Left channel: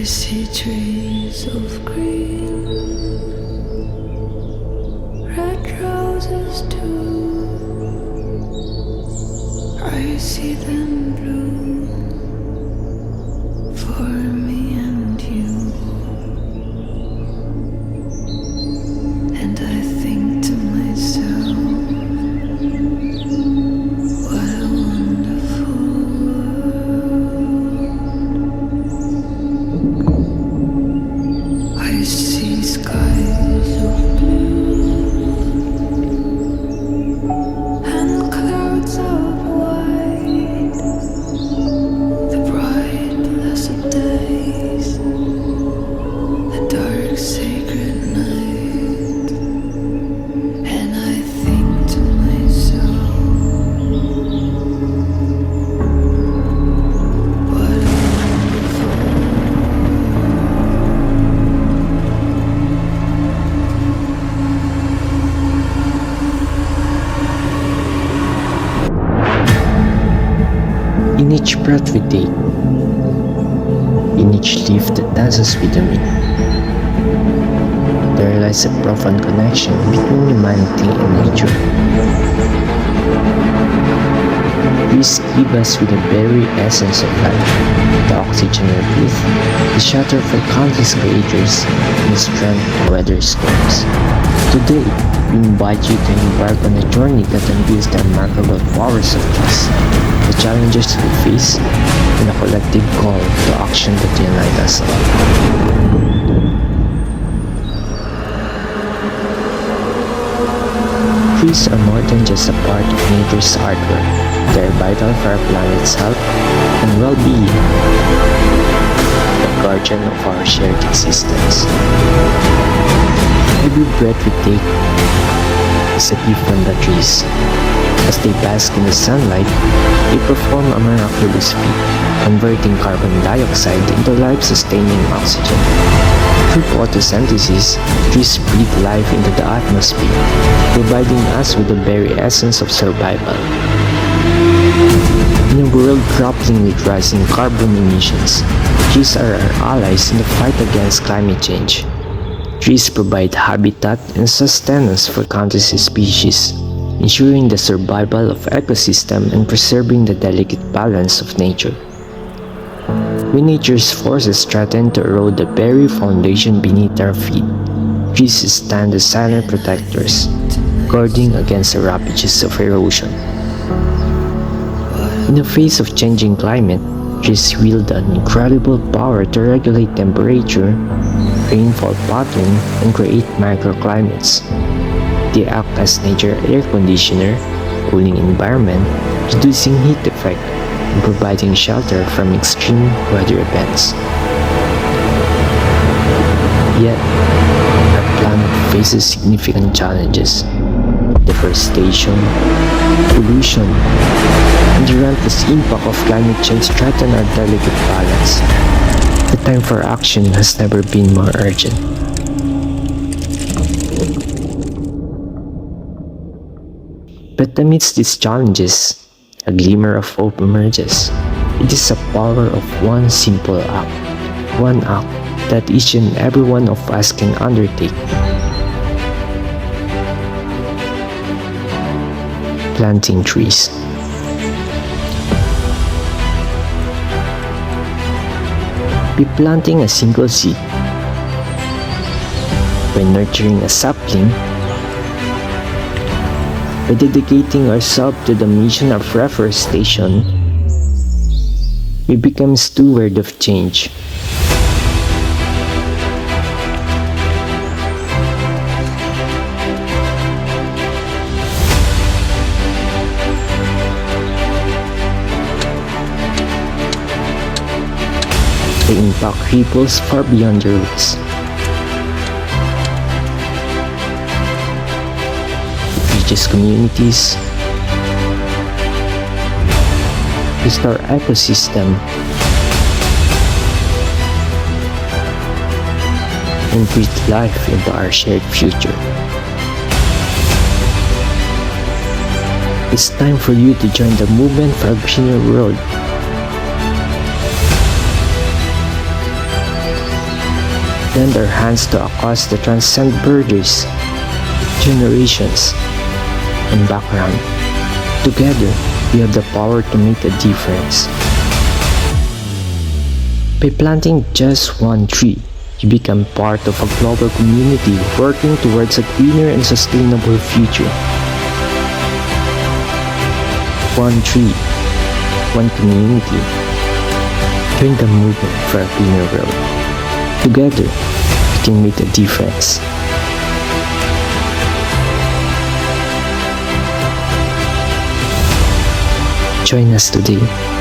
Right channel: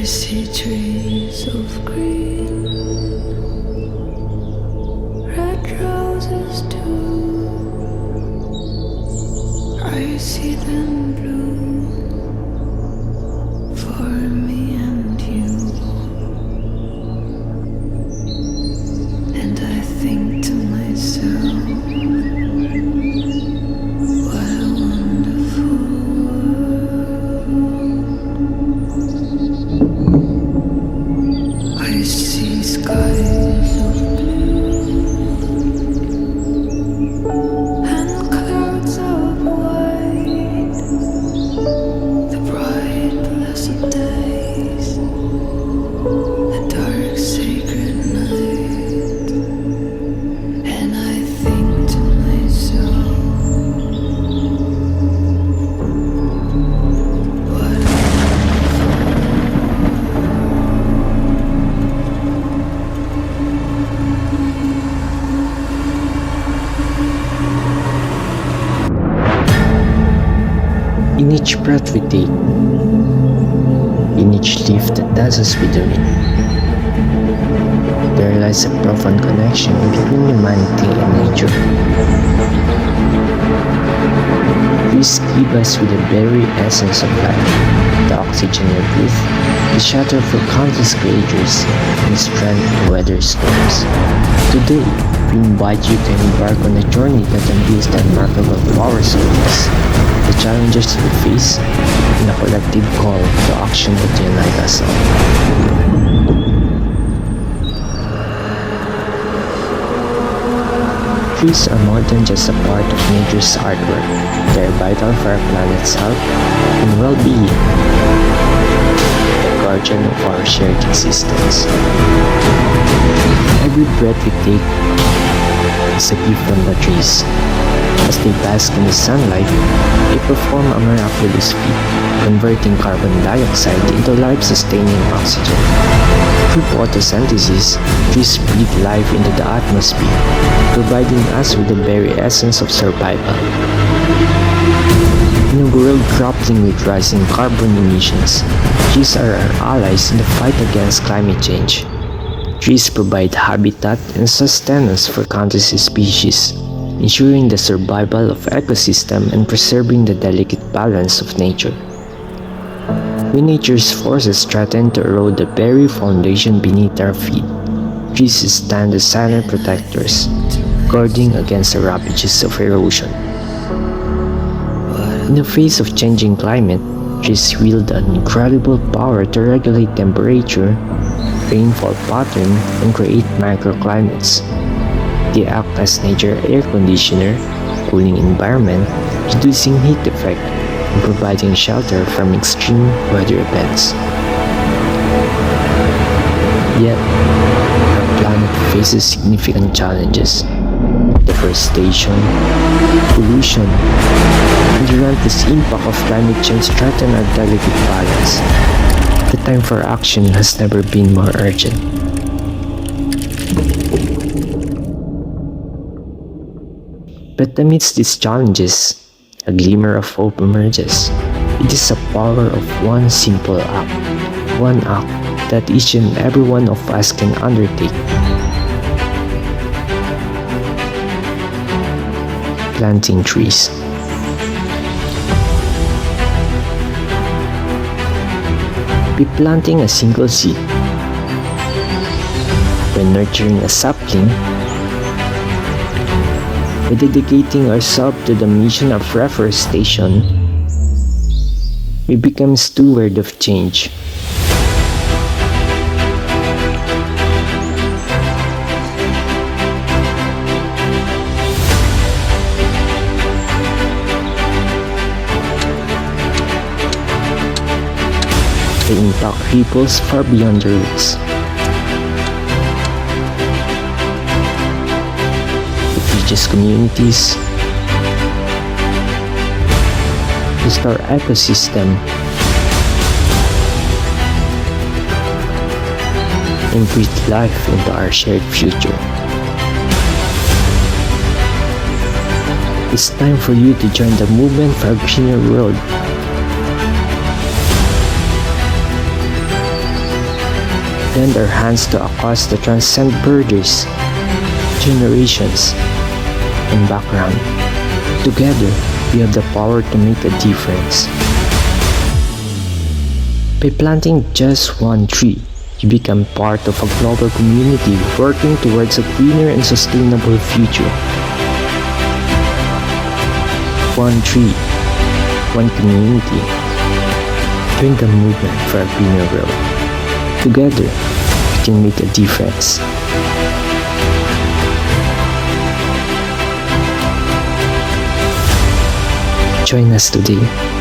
I see trees of green, red roses too. I see them bloom for me and you. And I think to myself, what a wonderful world. I see skies of blue and clouds of white, the bright blessed days, the dark sacred night. And I think to myself, what a wonderful In each breath we take, in each leaf that dances with the wind, there lies a profound connection between humanity and nature. Trees give us with the very essence of life, the oxygen we breathe, the shelter for countless creatures, and the strength to weather storms. Today, we invite you to embark on a journey that unveils the remarkable powers of trees, the challenges we face, and a collective call to action that unite us all. Trees are more than just a part of nature's artwork. They are vital for our planet's health and well-being, the guardian of our shared existence. Every breath we take is a gift from the trees. As they bask in the sunlight, they perform a miraculous feat, converting carbon dioxide into life-sustaining oxygen. Through photosynthesis, trees breathe life into the atmosphere, providing us with the very essence of survival. In a world grappling with rising carbon emissions, trees are our allies in the fight against climate change. Trees provide habitat and sustenance for countless species, ensuring the survival of ecosystem and preserving the delicate balance of nature. When nature's forces threaten to erode the very foundation beneath our feet, trees stand as silent protectors, guarding against the ravages of erosion. In the face of changing climate, trees wield an incredible power to regulate temperature, rainfall pattern, and create microclimates. They act as nature air conditioner, cooling environment, reducing heat effect, and providing shelter from extreme weather events. Yet, our planet faces significant challenges. Deforestation, pollution, and the relentless impact of climate change threaten our delicate balance. The time for action has never been more urgent. But amidst these challenges, a glimmer of hope emerges. It is the power of one simple act, one act that each and every one of us can undertake. Planting trees. By planting a single seed, by nurturing a sapling, by dedicating ourselves to the mission of reforestation, we become steward of change. The impact ripples far beyond the roots. It reaches communities, restore ecosystem, and breathe life into our shared future. It's time for you to join the movement for a greener world. lend our hands to a cause that transcends borders, generations, and background. Together, we have the power to make a difference. By planting just one tree, you become part of a global community working towards a greener and sustainable future. One tree, one community. Join the movement for a greener world. Together, we can make a difference. Join us today.